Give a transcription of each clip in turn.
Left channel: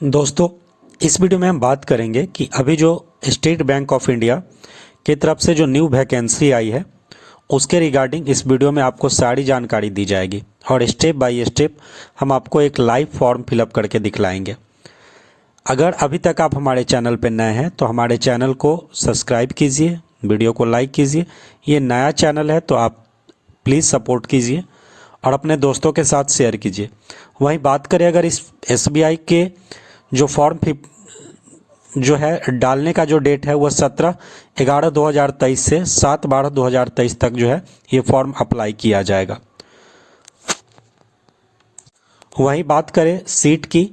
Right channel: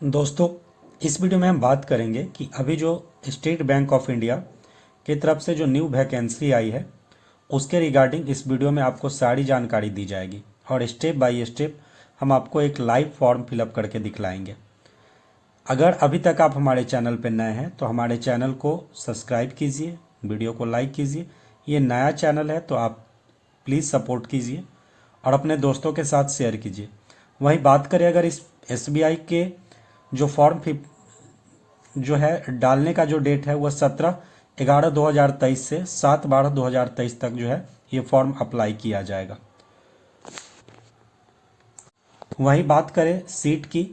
दोस्तों, इस वीडियो में हम बात करेंगे कि अभी जो स्टेट बैंक ऑफ इंडिया की तरफ से जो न्यू वैकेंसी आई है उसके रिगार्डिंग इस वीडियो में आपको सारी जानकारी दी जाएगी और स्टेप बाय स्टेप हम आपको एक लाइव फॉर्म फिलअप करके दिखलाएंगे। अगर अभी तक आप हमारे चैनल पर नए हैं तो हमारे चैनल को सब्सक्राइब कीजिए, वीडियो को लाइक कीजिए। ये नया चैनल है तो आप प्लीज़ सपोर्ट कीजिए और अपने दोस्तों के साथ शेयर कीजिए। वहीं बात करें अगर इस SBI के जो फॉर्म जो है डालने का जो डेट है वह 17/11/2023 से 7/12/2023 तक जो है ये फॉर्म अप्लाई किया जाएगा। वहीं बात करें सीट की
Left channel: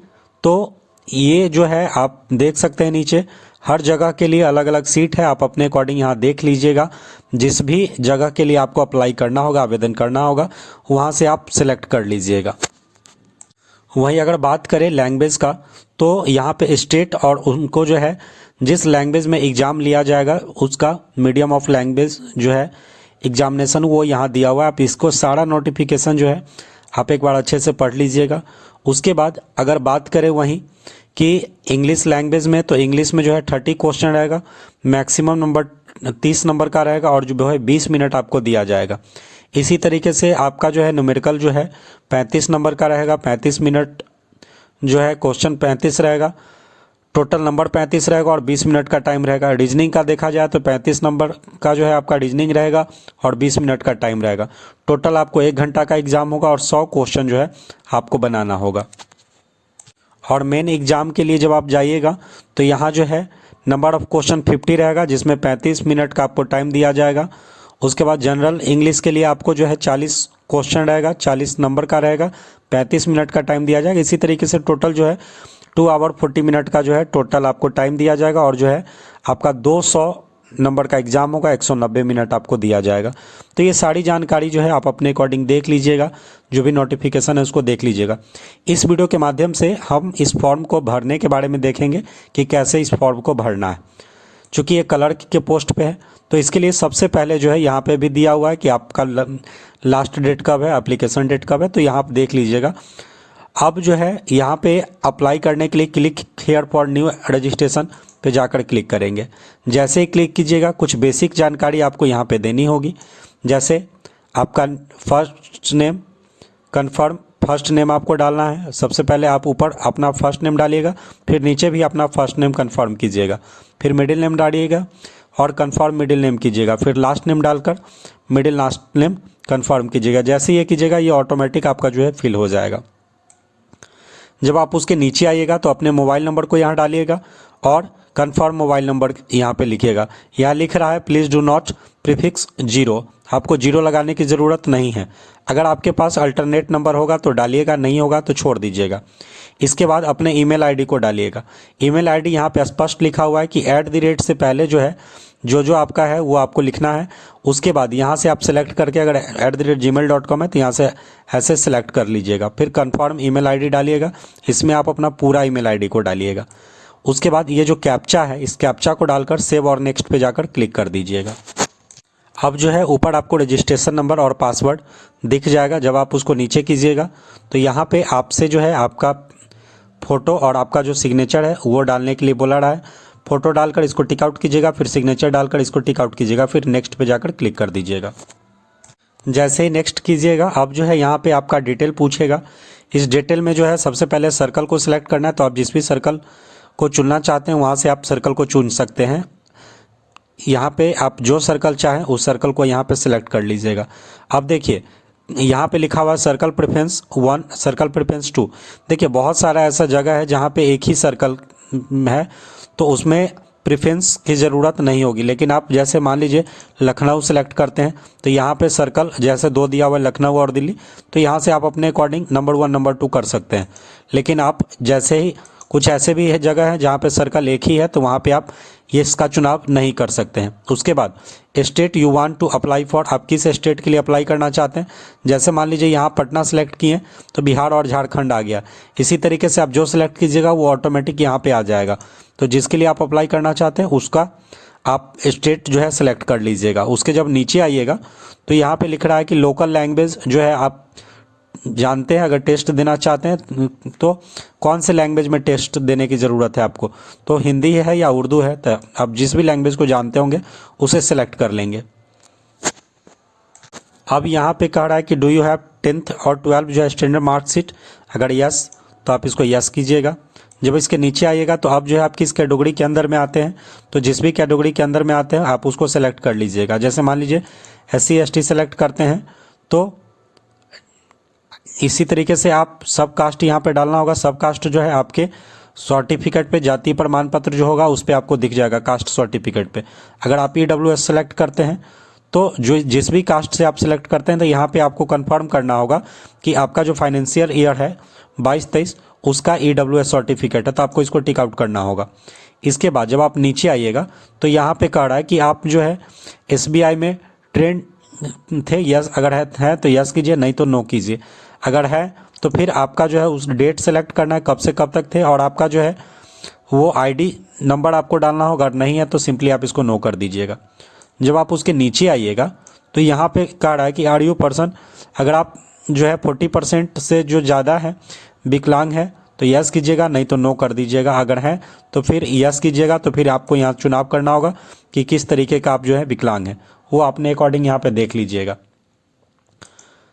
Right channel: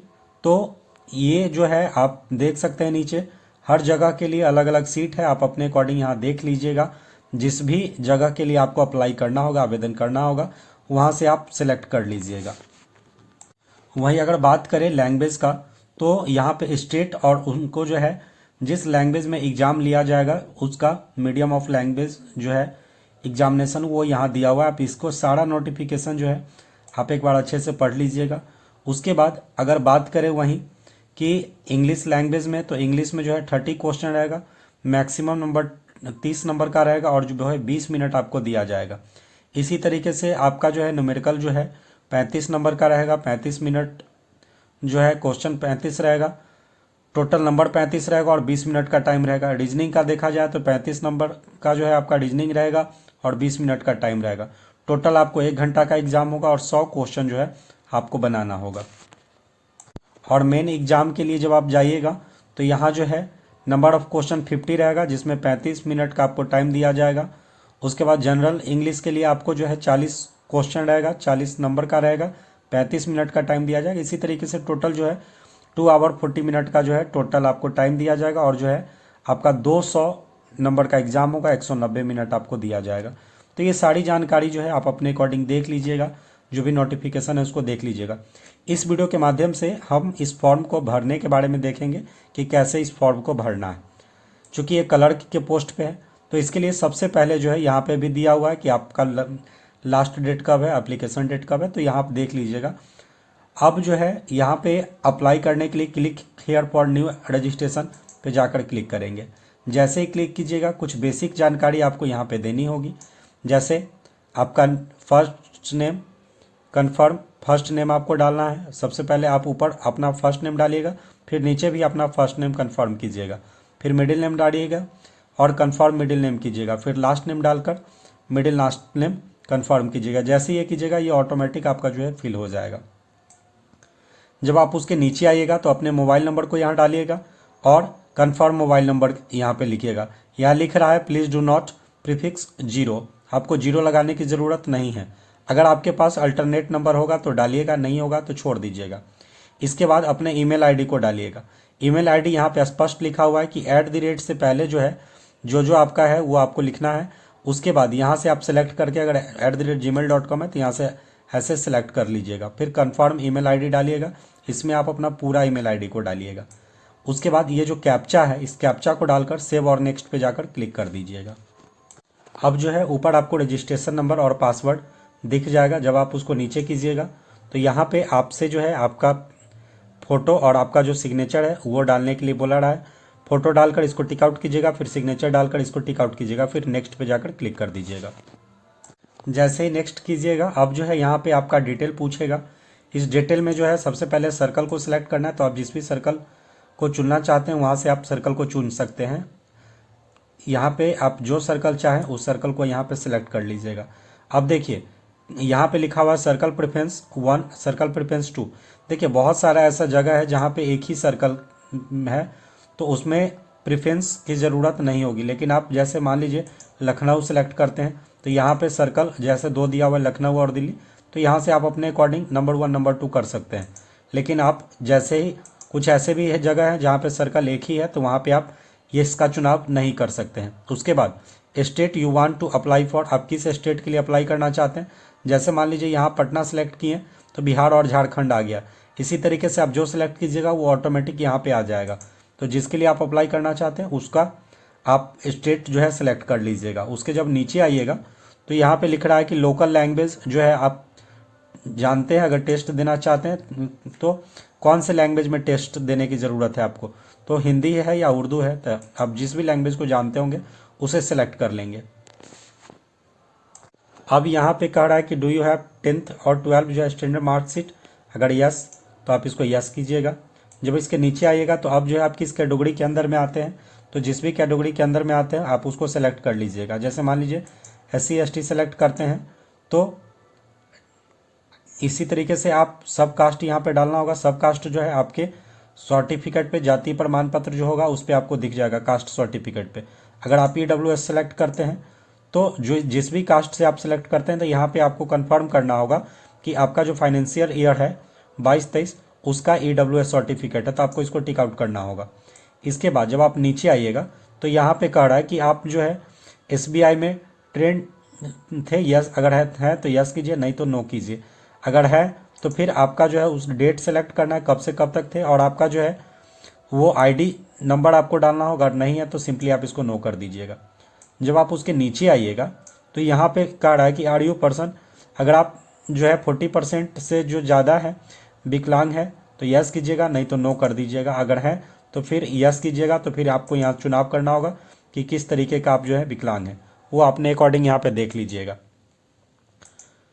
तो ये जो है आप देख सकते हैं नीचे हर जगह के लिए अलग अलग सीट है। आप अपने अकॉर्डिंग यहाँ देख लीजिएगा। जिस भी जगह के लिए आपको अप्लाई करना होगा, आवेदन करना होगा, वहाँ से आप सिलेक्ट कर लीजिएगा। वहीं अगर बात करें लैंग्वेज का तो यहाँ पे स्टेट और उनको जो है जिस लैंग्वेज में एग्ज़ाम लिया जाएगा उसका मीडियम ऑफ लैंग्वेज जो है एग्जामिनेशन वो यहाँ दिया हुआ है। आप इसको सारा नोटिफिकेशन जो है आप एक बार अच्छे से पढ़ लीजिएगा। उसके बाद अगर बात करें वहीं कि इंग्लिश लैंग्वेज में तो इंग्लिश में जो है 30 क्वेश्चन रहेगा, मैक्सिमम नंबर 30 नंबर का रहेगा और जो है 20 मिनट आपको दिया जाएगा। इसी तरीके से आपका जो है न्यूमेरिकल जो है 35 नंबर का रहेगा, 35 मिनट जो है क्वेश्चन 35 रहेगा, टोटल नंबर 35 रहेगा और 20 मिनट का टाइम रहेगा। रीजनिंग का देखा जाए तो 35 नंबर का जो है आपका रीजनिंग रहेगा और 20 मिनट का टाइम रहेगा। टोटल आपको 1 घंटा का एग्ज़ाम होगा और 100 क्वेश्चन जो है आपको बनाना होगा। और मेन एग्ज़ाम के लिए जब आप जाइएगा तो यहाँ जो है नंबर ऑफ़ क्वेश्चन 50 रहेगा जिसमें 35 मिनट का आपको टाइम दिया जाएगा। उसके बाद जनरल इंग्लिश के लिए आपको जो है 40 क्वेश्चन रहेगा, 40 नंबर का रहेगा, 35 मिनट का टाइम दिया जाएगा। इसी तरीके से टोटल जो है 2 आवर 40 मिनट का जो है टोटल आपको टाइम दिया जाएगा और जो है आपका 200 नंबर का एग्ज़ाम होगा, 190 मिनट आपको दिया जाएगा। तो ये सारी जानकारी जो है आप अपने अकॉर्डिंग देख लीजिएगा, जो भी नोटिफिकेशन है उसको देख लीजिएगा। इस वीडियो के माध्यम से हम इस फॉर्म को भरने के बारे में देखेंगे कि कैसे इस फॉर्म को भरना है। चूँकि ये क्लर्क के पोस्ट पे है तो इसके लिए सबसे पहले जो है यहाँ पे भी दिया हुआ है कि आपका लास्ट डेट कब है, एप्लीकेशन डेट कब है, तो यहाँ आप देख लीजिएगा। अब जो है यहाँ पे अप्लाई करने के लिए click here for new registration पे जाकर क्लिक करेंगे। जैसे ही क्लिक कीजिएगा कुछ बेसिक जानकारी आपको यहाँ पे देनी होगी। जैसे आपका first name confirm, first name आपको डालना है। सबसे पहले आप ऊपर अपना फर्स्ट नेम डालिएगा, फिर नीचे भी अपना फर्स्ट नेम कन्फर्म कीजिएगा, फिर मिडिल नेम डालिएगा और कन्फर्म मिडिल नेम कीजिएगा, फिर लास्ट नेम डालकर मिडिल लास्ट नेम कन्फर्म कीजिएगा। जैसे ये कीजिएगा ये ऑटोमेटिक आपका जो है फिल हो जाएगा। जब आप उसके नीचे आइएगा तो अपने मोबाइल नंबर को यहाँ डालिएगा और कन्फर्म मोबाइल नंबर यहाँ पे लिखिएगा। यहाँ लिख रहा है प्लीज़ डू नॉट प्रीफिक्स 0, आपको 0 लगाने की ज़रूरत नहीं है। अगर आपके पास अल्टरनेट नंबर होगा तो डालिएगा, नहीं होगा तो छोड़ दीजिएगा। इसके बाद अपने ईमेल आईडी को डालिएगा। ईमेल आईडी यहाँ पे स्पष्ट लिखा हुआ है कि @ से पहले जो है जो आपका है वो आपको लिखना है। उसके बाद यहाँ से आप सेलेक्ट करके अगर @gmail.com है तो यहाँ से ऐसे सेलेक्ट कर लीजिएगा। फिर कन्फर्म ईमेल आईडी डालिएगा, इसमें आप अपना पूरा ईमेल आईडी को डालिएगा। उसके बाद ये जो कैप्चा है इस कैप्चा को डालकर सेव और नेक्स्ट पे जाकर क्लिक कर दीजिएगा। अब जो है ऊपर आपको रजिस्ट्रेशन नंबर और पासवर्ड दिख जाएगा। जब आप उसको नीचे कीजिएगा तो यहाँ पे आपसे जो है आपका फ़ोटो और आपका जो सिग्नेचर है वो डालने के लिए बोला रहा है। फ़ोटो डालकर इसको टिक आउट कीजिएगा, फिर सिग्नेचर डालकर इसको टिक आउट कीजिएगा, फिर नेक्स्ट पे जाकर क्लिक कर दीजिएगा। जैसे ही नेक्स्ट कीजिएगा अब जो है यहाँ पे आपका डिटेल पूछेगा। इस डिटेल में जो है सबसे पहले सर्कल को सिलेक्ट करना है, तो आप जिस भी सर्कल को चुनना चाहते हैं वहाँ से आप सर्कल को चुन सकते हैं। यहाँ पे आप जो सर्कल चाहें उस सर्कल को यहाँ पे सिलेक्ट कर लीजिएगा। अब देखिए यहाँ पे लिखा हुआ है सर्कल प्रेफरेंस 1, सर्कल प्रेफरेंस 2। देखिए बहुत सारा ऐसा जगह है जहाँ पे एक ही सर्कल है तो उसमें प्रेफरेंस की ज़रूरत नहीं होगी। लेकिन आप जैसे मान लीजिए लखनऊ सेलेक्ट करते हैं तो यहाँ पे सर्कल जैसे 2 दिया हुआ है लखनऊ और दिल्ली, तो यहाँ से आप अपने अकॉर्डिंग नंबर 1 नंबर 2 कर सकते हैं। लेकिन आप जैसे ही कुछ ऐसे भी है जगह है जहाँ पे सर्कल एक ही है तो वहाँ पे आप ये इसका चुनाव नहीं कर सकते हैं। उसके बाद state you want to apply for, आप किस स्टेट के लिए अप्लाई करना चाहते हैं। जैसे मान लीजिए यहाँ पटना सेलेक्ट किए तो बिहार और झारखंड आ गया। इसी तरीके से आप जो सिलेक्ट कीजिएगा वो ऑटोमेटिक यहाँ पे आ जाएगा। तो जिसके लिए आप अप्लाई करना चाहते हैं उसका आप स्टेट जो है सेलेक्ट कर लीजिएगा। उसके जब नीचे आइएगा तो यहाँ पे लिख रहा है कि लोकल लैंग्वेज जो है आप जानते हैं अगर टेस्ट देना चाहते हैं तो कौन से लैंग्वेज में टेस्ट देने की ज़रूरत है आपको, तो हिंदी है या उर्दू है, तो आप जिस भी लैंग्वेज को जानते होंगे उसे सेलेक्ट कर लेंगे। अब यहाँ पे कह रहा है कि डू यू हैव 10th और 12 जो है स्टैंडर्ड मार्कशीट, अगर यस तो आप इसको यस कीजिएगा। जब इसके नीचे आइएगा तो अब जो है आप किस कैटेगरी के अंदर में आते हैं, तो जिस भी कैटेगरी के अंदर में आते हैं आप उसको सेलेक्ट कर लीजिएगा। जैसे मान लीजिए SC ST सेलेक्ट करते हैं तो इसी तरीके से आप सब कास्ट यहाँ पे डालना होगा। सब कास्ट जो है आपके सर्टिफिकेट पे, जाति प्रमाण पत्र जो होगा उस पर आपको दिख जाएगा कास्ट सर्टिफिकेट पे। अगर आप EWS सेलेक्ट करते हैं तो जो जिस भी कास्ट से आप सेलेक्ट करते हैं तो यहाँ पे आपको कंफर्म करना होगा कि आपका जो फाइनेंशियल ईयर है 22-23 उसका EWS सर्टिफिकेट है, तो आपको इसको टिक आउट करना होगा। इसके बाद जब आप नीचे आइएगा तो यहाँ पे कह रहा है कि आप जो है SBI में ट्रेंड थे, यस अगर है तो यस कीजिए, नहीं तो नो कीजिए। अगर है तो फिर आपका जो है उस डेट सेलेक्ट करना है कब से कब तक थे, और आपका जो है वो ID नंबर आपको डालना होगा। अगर नहीं है तो सिंपली आप इसको नो कर दीजिएगा। जब आप उसके नीचे आइएगा तो यहाँ पे कह रहा है कि आर यू पर्सन, अगर आप जो है 40% से जो ज़्यादा है विकलांग है तो यस कीजिएगा, नहीं तो नो कर दीजिएगा। अगर है तो फिर यस कीजिएगा। तो फिर आपको यहाँ चुनाव करना होगा कि किस तरीके का आप जो है विकलांग है, वो अपने अकॉर्डिंग यहाँ पे देख लीजिएगा।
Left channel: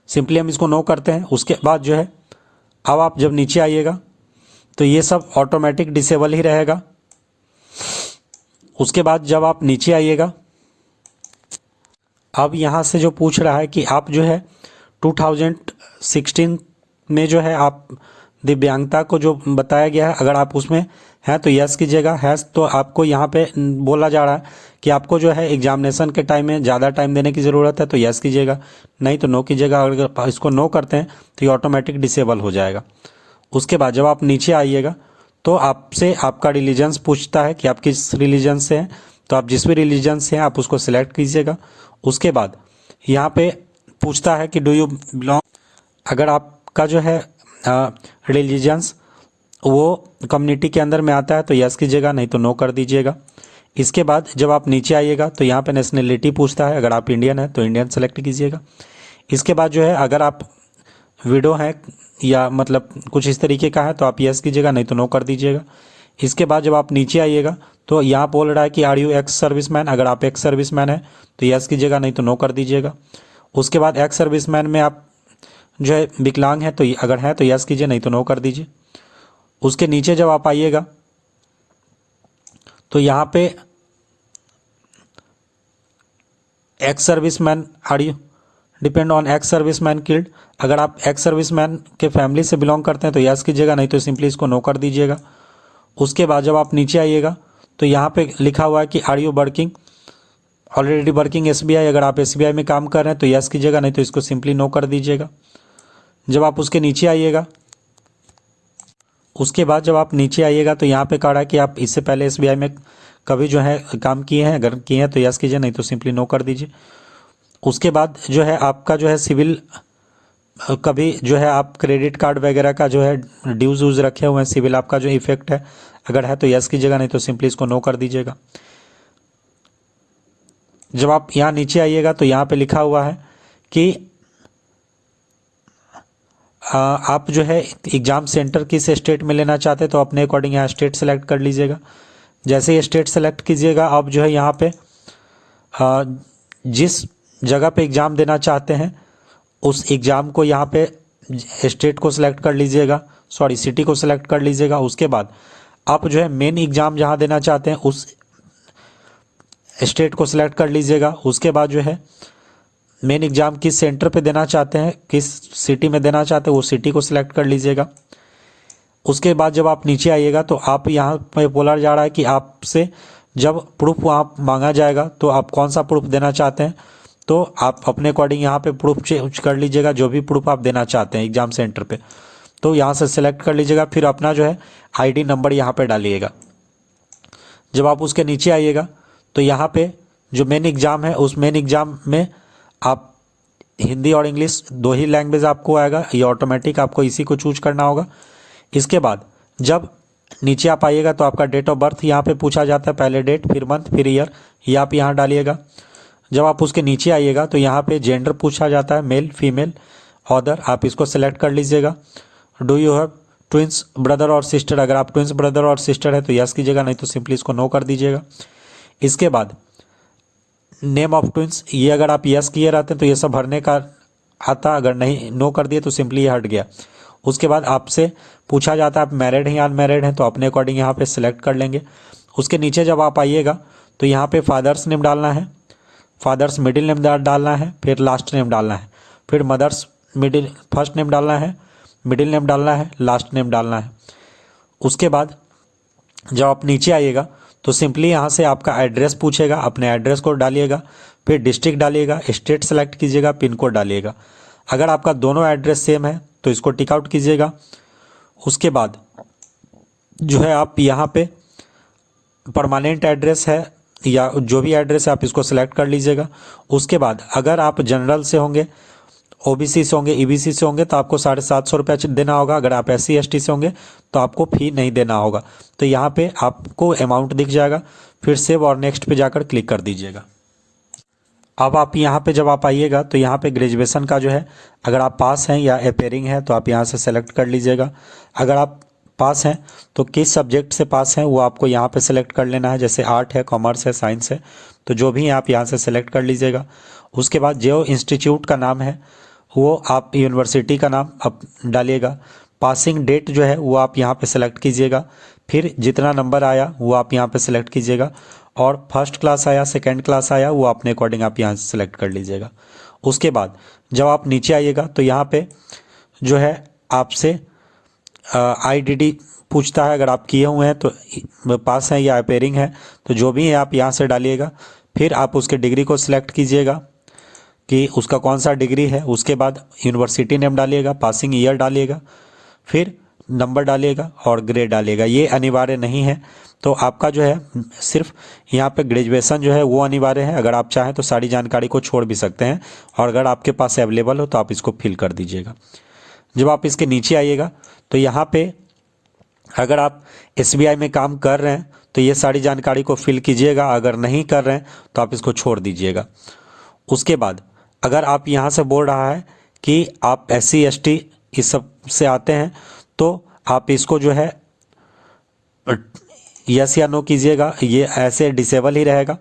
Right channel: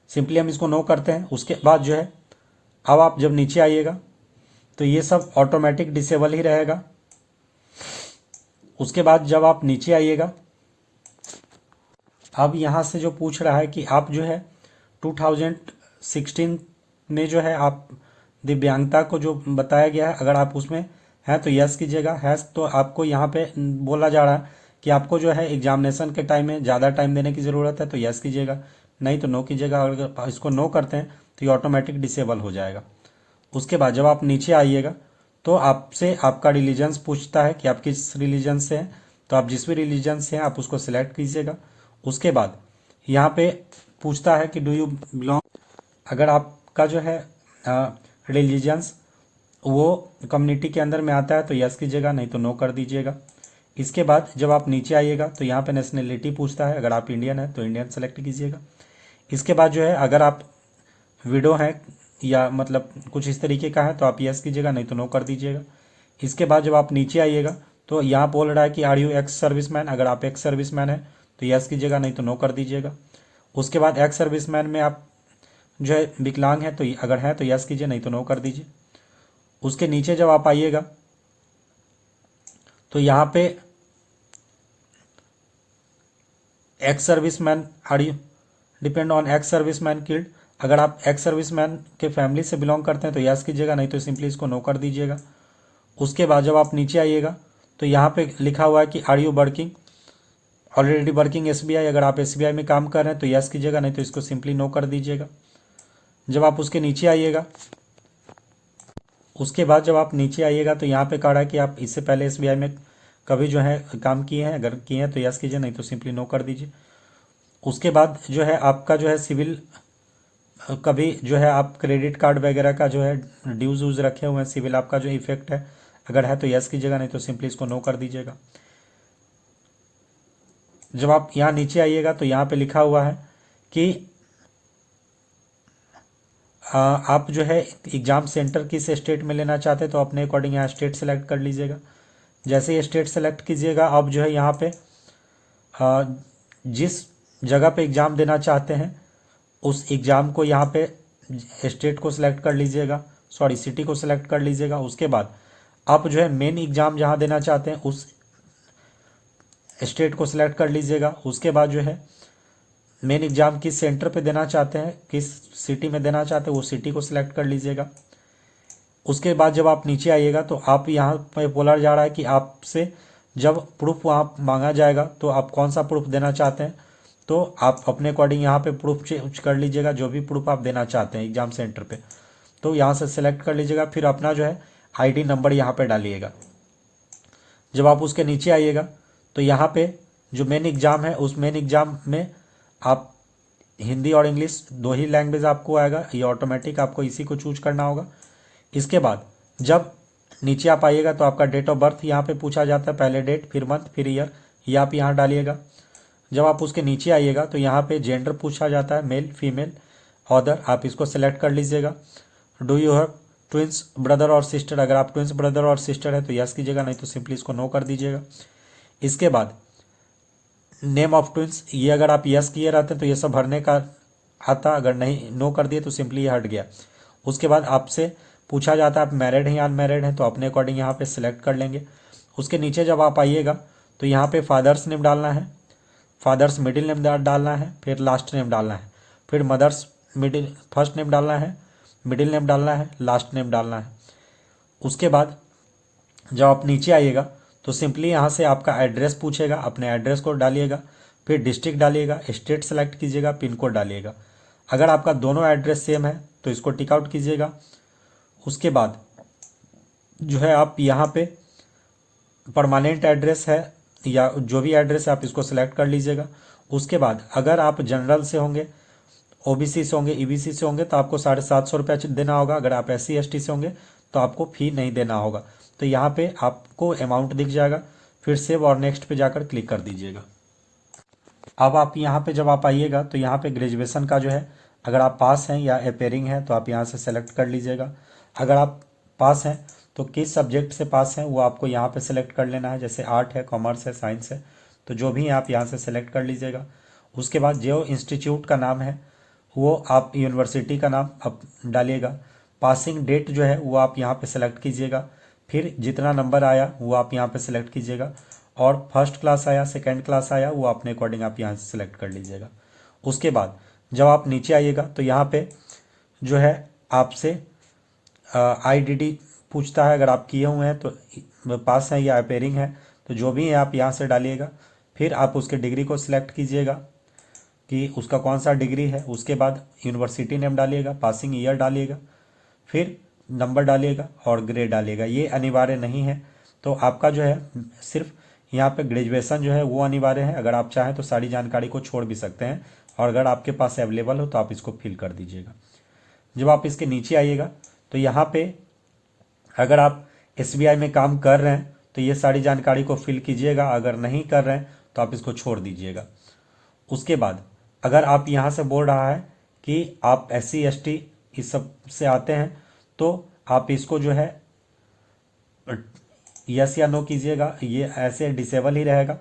सिंपली हम इसको नो करते हैं। उसके बाद जो है अब आप जब नीचे आइएगा तो ये सब ऑटोमेटिक डिसेबल ही रहेगा। उसके बाद जब आप नीचे आइएगा अब यहाँ से जो पूछ रहा है कि आप जो है 2016 में जो है आप दिव्यांगता को जो बताया गया है अगर आप उसमें हैं तो यस कीजिएगा। है तो आपको यहाँ पे बोला जा रहा है कि आपको जो है एग्जामिनेशन के टाइम में ज़्यादा टाइम देने की ज़रूरत है तो यस कीजिएगा, नहीं तो नो कीजिएगा। अगर इसको नो करते हैं तो ये ऑटोमेटिक डिसेबल हो जाएगा। उसके बाद जब आप नीचे आइएगा तो आपसे आपका रिलीजन्स पूछता है कि आप किस रिलीजन से हैं, तो आप जिस भी रिलीजन से हैं आप उसको सिलेक्ट कीजिएगा। उसके बाद यहाँ पे पूछता है कि डू यू बिलोंग, अगर आपका जो है रिलीजन्स वो कम्युनिटी के अंदर में आता है तो यस कीजिएगा, नहीं तो नो कर दीजिएगा। इसके बाद जब आप नीचे आइएगा तो यहाँ पे नेशनलिटी पूछता है, अगर आप इंडियन हैं तो इंडियन सेलेक्ट कीजिएगा। इसके बाद जो है अगर आप विडो हैं या मतलब कुछ इस तरीके का है तो आप यस कीजिएगा, नहीं तो नो कर दीजिएगा। इसके बाद जब आप नीचे आइएगा तो यहाँ बोल रहा है कि आर यू एक्स सर्विसमैन, अगर आप एक्स सर्विसमैन हैं तो यस कीजिएगा, नहीं तो नो कर दीजिएगा। उसके बाद एक्स सर्विसमैन में आप जो है विकलांग है तो अगर है तो यस कीजिए, नहीं तो नो कर दीजिए। उसके नीचे जब आप आइएगा तो यहाँ पे ex serviceman are you depend on ex serviceman killed, अगर आप एक्स सर्विसमैन के फैमिली से बिलोंग करते हैं तो यस कीजिएगा, नहीं तो सिंपली इसको नो कर दीजिएगा। उसके बाद जब आप नीचे आइएगा तो यहाँ पे लिखा हुआ है कि are you working already working SBI, अगर आप SBI में काम कर रहे हैं तो यस कीजिएगा, नहीं तो इसको सिंपली नो कर दीजिएगा। जब आप उसके नीचे आइएगा उसके बाद जब आप नीचे आइएगा तो यहाँ पे कह रहा है कि आप इससे पहले SBI में कभी जो है काम किए हैं, अगर किए हैं तो यस कीजिए, नहीं तो सिंपली नो कर दीजिए। उसके बाद जो है आपका जो है सिविल कभी जो है आप क्रेडिट कार्ड वगैरह का जो है ड्यूज वूज रखे हुए हैं, सिविल आपका जो इफेक्ट है, अगर है तो यस कीजिएगा, नहीं तो सिंपली इसको नो कर दीजिएगा। जब आप यहाँ नीचे आइएगा तो यहाँ पे लिखा हुआ है कि आप जो है एग्ज़ाम सेंटर किस स्टेट में लेना चाहते हैं तो अपने अकॉर्डिंग यहाँ स्टेट सेलेक्ट कर लीजिएगा। जैसे ही स्टेट सेलेक्ट कीजिएगा आप जो है यहाँ पे जिस जगह पे एग्ज़ाम देना चाहते हैं उस एग्ज़ाम को यहाँ पे स्टेट को सिलेक्ट कर लीजिएगा, सॉरी सिटी को सिलेक्ट कर लीजिएगा। उसके बाद आप जो है मेन एग्ज़ाम जहाँ देना चाहते हैं उस स्टेट को सिलेक्ट कर लीजिएगा। उसके बाद जो है मेन एग्ज़ाम किस सेंटर पे देना चाहते हैं, किस सिटी में देना चाहते हैं, वो सिटी को सिलेक्ट कर लीजिएगा। उसके बाद जब आप नीचे आइएगा तो आप यहाँ पे बोला जा रहा है कि आपसे जब प्रूफ वहाँ मांगा जाएगा तो आप कौन सा प्रूफ देना चाहते हैं, तो आप अपने अकॉर्डिंग यहाँ पे प्रूफ चेंज कर लीजिएगा, जो भी प्रूफ आप देना चाहते हैं एग्ज़ाम सेंटर पे, तो यहाँ से सिलेक्ट कर लीजिएगा। फिर अपना जो है ID नंबर यहाँ पे डालिएगा। जब आप उसके नीचे आइएगा तो यहाँ पे जो मेन एग्ज़ाम है उस मेन एग्ज़ाम में आप हिंदी और इंग्लिश दो ही लैंग्वेज आपको आएगा, ये ऑटोमेटिक आपको इसी को चूज करना होगा। इसके बाद जब नीचे आप आइएगा तो आपका डेट ऑफ बर्थ यहाँ पे पूछा जाता है, पहले डेट फिर मंथ फिर ईयर, ये आप यहाँ डालिएगा। जब आप उसके नीचे आइएगा तो यहाँ पे जेंडर पूछा जाता है, मेल फीमेल, अदर आप इसको सेलेक्ट कर लीजिएगा। Do you have twins brother और सिस्टर, अगर आप ट्विंस ब्रदर और सिस्टर है तो यस कीजिएगा, नहीं तो सिंपली इसको नो कर दीजिएगा। इसके बाद नेम ऑफ ट्विंस, ये अगर आप यस किए रहते हैं तो ये सब भरने का आता, अगर नहीं नो कर दिए तो सिंपली ये हट गया। उसके बाद आपसे पूछा जाता है आप मैरिड हैं या अनमैरिड हैं, तो अपने अकॉर्डिंग यहाँ पे सिलेक्ट कर लेंगे। उसके नीचे जब आप आइएगा तो यहाँ पे फादर्स नेम डालना है, फादर्स मिडिल नेम डालना है, फिर लास्ट नेम डालना है, फिर मदर्स मिडिल फर्स्ट नेम डालना है, मिडिल नेम डालना है, लास्ट नेम डालना है। उसके बाद जब आप नीचे आइएगा तो सिंपली यहाँ से आपका एड्रेस पूछेगा, अपने एड्रेस को डालिएगा, फिर डिस्ट्रिक्ट डालिएगा, स्टेट सेलेक्ट कीजिएगा, पिन कोड डालिएगा। अगर आपका दोनों एड्रेस सेम है तो इसको टिक आउट कीजिएगा। उसके बाद जो है आप यहाँ पे परमानेंट एड्रेस है या जो भी एड्रेस है आप इसको सेलेक्ट कर लीजिएगा। उसके बाद अगर आप जनरल से होंगे, ओबीसी से होंगे, ईबीसी से होंगे तो आपको 750 रुपया देना होगा। अगर आप SC ST से होंगे तो आपको फ़ी नहीं देना होगा। तो यहाँ पे आपको अमाउंट दिख जाएगा, फिर सेव और नेक्स्ट पे जाकर क्लिक कर दीजिएगा। अब आप यहाँ पे जब आप आइएगा तो यहाँ पे ग्रेजुएशन का जो है, अगर आप पास हैं या अपेयरिंग है तो आप यहाँ से सेलेक्ट कर लीजिएगा। अगर आप पास हैं तो किस सब्जेक्ट से पास हैं वो आपको यहाँ पे सेलेक्ट कर लेना है, जैसे आर्ट है, कॉमर्स है, साइंस है, तो जो भी है आप यहाँ से सेलेक्ट कर लीजिएगा। उसके बाद जो इंस्टीट्यूट का नाम है वो आप यूनिवर्सिटी का नाम आप डालिएगा। पासिंग डेट जो है वो आप यहाँ पे सेलेक्ट कीजिएगा, फिर जितना नंबर आया वो आप यहाँ पे सेलेक्ट कीजिएगा, और फर्स्ट क्लास आया, सेकंड क्लास आया, वो अपने अकॉर्डिंग आप यहाँ से सेलेक्ट कर लीजिएगा। उसके बाद जब आप नीचे आइएगा तो यहाँ पे जो है आपसे IDD पूछता है, अगर आप किए हुए हैं तो पास हैं या अपेयरिंग है तो जो भी है आप यहाँ से डालिएगा। फिर आप उसके डिग्री को सिलेक्ट कीजिएगा कि उसका कौन सा डिग्री है। उसके बाद यूनिवर्सिटी नेम डालिएगा, पासिंग ईयर डालिएगा, फिर नंबर डालिएगा और ग्रेड डालिएगा। ये अनिवार्य नहीं है, तो आपका जो है सिर्फ यहाँ पे ग्रेजुएशन जो है वो अनिवार्य है। अगर आप चाहें तो सारी जानकारी को छोड़ भी सकते हैं, और अगर आपके पास अवेलेबल हो तो आप इसको फिल कर दीजिएगा। जब आप इसके नीचे आइएगा तो यहाँ पे अगर आप SBI में काम कर रहे हैं तो ये सारी जानकारी को फिल कीजिएगा, अगर नहीं कर रहे हैं तो आप इसको छोड़ दीजिएगा। उसके बाद अगर आप यहाँ से बोल रहा है कि आप SC ST इस सब से आते हैं तो आप इसको जो है यस या नो कीजिएगा, ये ऐसे डिसेबल ही रहेगा।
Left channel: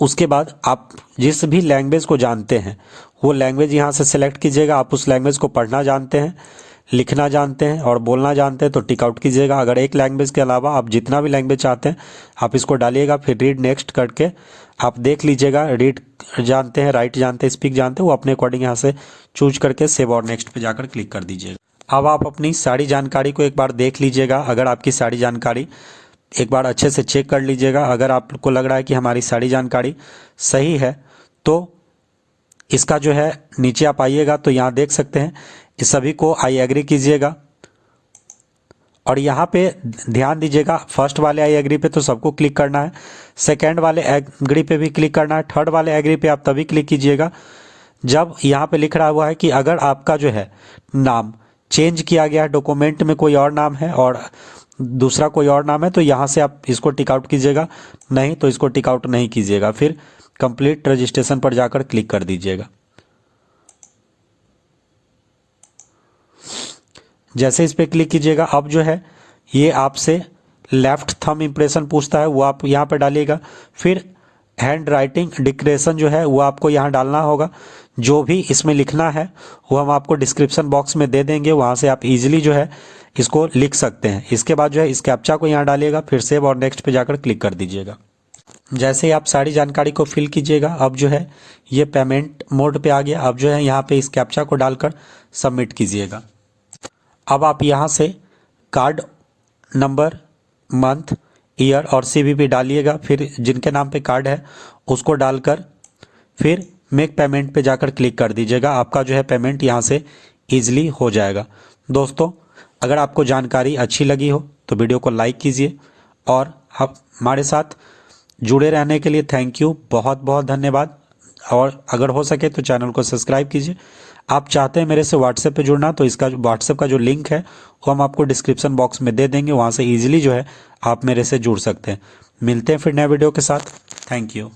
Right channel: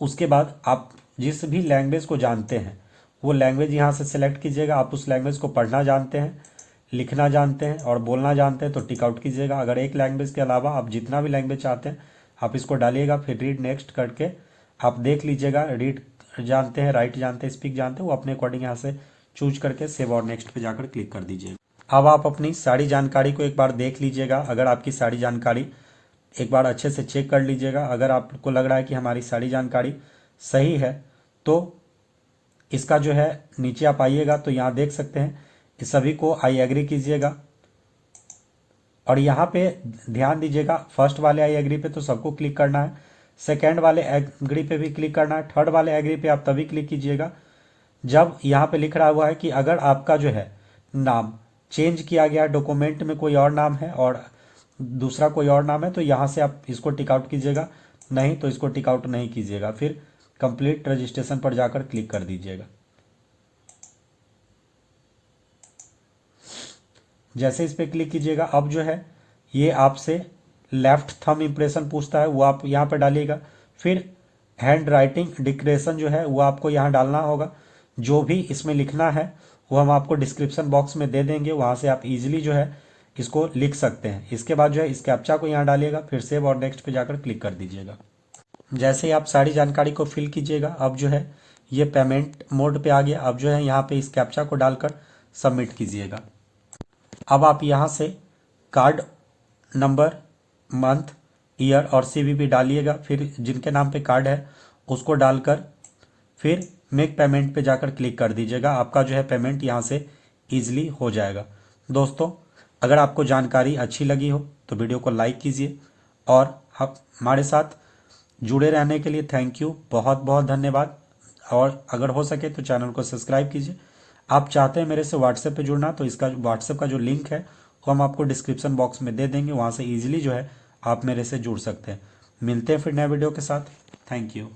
उसके बाद आप जिस भी लैंग्वेज को जानते हैं वो लैंग्वेज यहाँ से सेलेक्ट कीजिएगा। आप उस लैंग्वेज को पढ़ना जानते हैं, लिखना जानते हैं और बोलना जानते हैं तो टिक आउट कीजिएगा। अगर एक लैंग्वेज के अलावा आप जितना भी लैंग्वेज चाहते हैं आप इसको डालिएगा, फिर रीड नेक्स्ट करके आप देख लीजिएगा। रीड जानते हैं, राइट जानते हैं, स्पीक जानते हैं, वो अपने अकॉर्डिंग यहाँ से चूज करके सेव और नेक्स्ट पे जाकर क्लिक कर दीजिएगा। अब आप अपनी सारी जानकारी को एक बार देख लीजिएगा। अगर आपकी सारी जानकारी एक बार अच्छे से चेक कर लीजिएगा। अगर आपको लग रहा है कि हमारी सारी जानकारी सही है तो इसका जो है नीचे आप आइएगा तो यहाँ देख सकते हैं, इस सभी को आई एग्री कीजिएगा। और यहाँ पे ध्यान दीजिएगा, फर्स्ट वाले आई एग्री पे तो सबको क्लिक करना है, सेकंड वाले एग्री पे भी क्लिक करना है, थर्ड वाले एग्री पे आप तभी क्लिक कीजिएगा जब यहाँ पे लिख रहा हुआ है कि अगर आपका जो है नाम चेंज किया गया है, डॉक्यूमेंट में कोई और नाम है और दूसरा कोई और नाम है, तो यहाँ से आप इसको टिक आउट कीजिएगा, नहीं तो इसको टिक आउट नहीं कीजिएगा। फिर कंप्लीट रजिस्ट्रेशन पर जाकर क्लिक कर दीजिएगा। जैसे इस पर क्लिक कीजिएगा अब जो है ये आपसे लेफ्ट थंब इम्प्रेशन पूछता है, वो आप यहाँ पर डालिएगा। फिर हैंड राइटिंग डिक्लेरेशन जो है वो आपको यहाँ डालना होगा। जो भी इसमें लिखना है वो हम आपको डिस्क्रिप्शन बॉक्स में दे देंगे, वहाँ से आप इजीली जो है इसको लिख सकते हैं। इसके बाद जो है इस कैप्चा को यहाँ डालिएगा, फिर सेव और नेक्स्ट पे जाकर क्लिक कर दीजिएगा। जैसे ही आप सारी जानकारी को फिल कीजिएगा अब जो है ये पेमेंट मोड पे आ गया। अब जो है यहाँ पे इस कैप्चा को डालकर सबमिट कीजिएगा। अब आप यहाँ से कार्ड नंबर, मंथ, ईयर और CVV डालिएगा। फिर जिनके नाम पे कार्ड है उसको डालकर फिर मेक पेमेंट पे जाकर क्लिक कर दीजिएगा। आपका जो है पेमेंट यहाँ से ईजिली हो जाएगा। दोस्तों, अगर आपको जानकारी अच्छी लगी हो तो वीडियो को लाइक कीजिए, और हमारे साथ जुड़े रहने के लिए थैंक यू, बहुत बहुत धन्यवाद। और अगर हो सके तो चैनल को सब्सक्राइब कीजिए। आप चाहते हैं मेरे से व्हाट्सएप पे जुड़ना तो इसका व्हाट्सएप का जो लिंक है वो हम आपको डिस्क्रिप्शन बॉक्स में दे देंगे, वहाँ से ईजिली जो है आप मेरे से जुड़ सकते हैं। मिलते हैं फिर नए वीडियो के साथ। Thank you.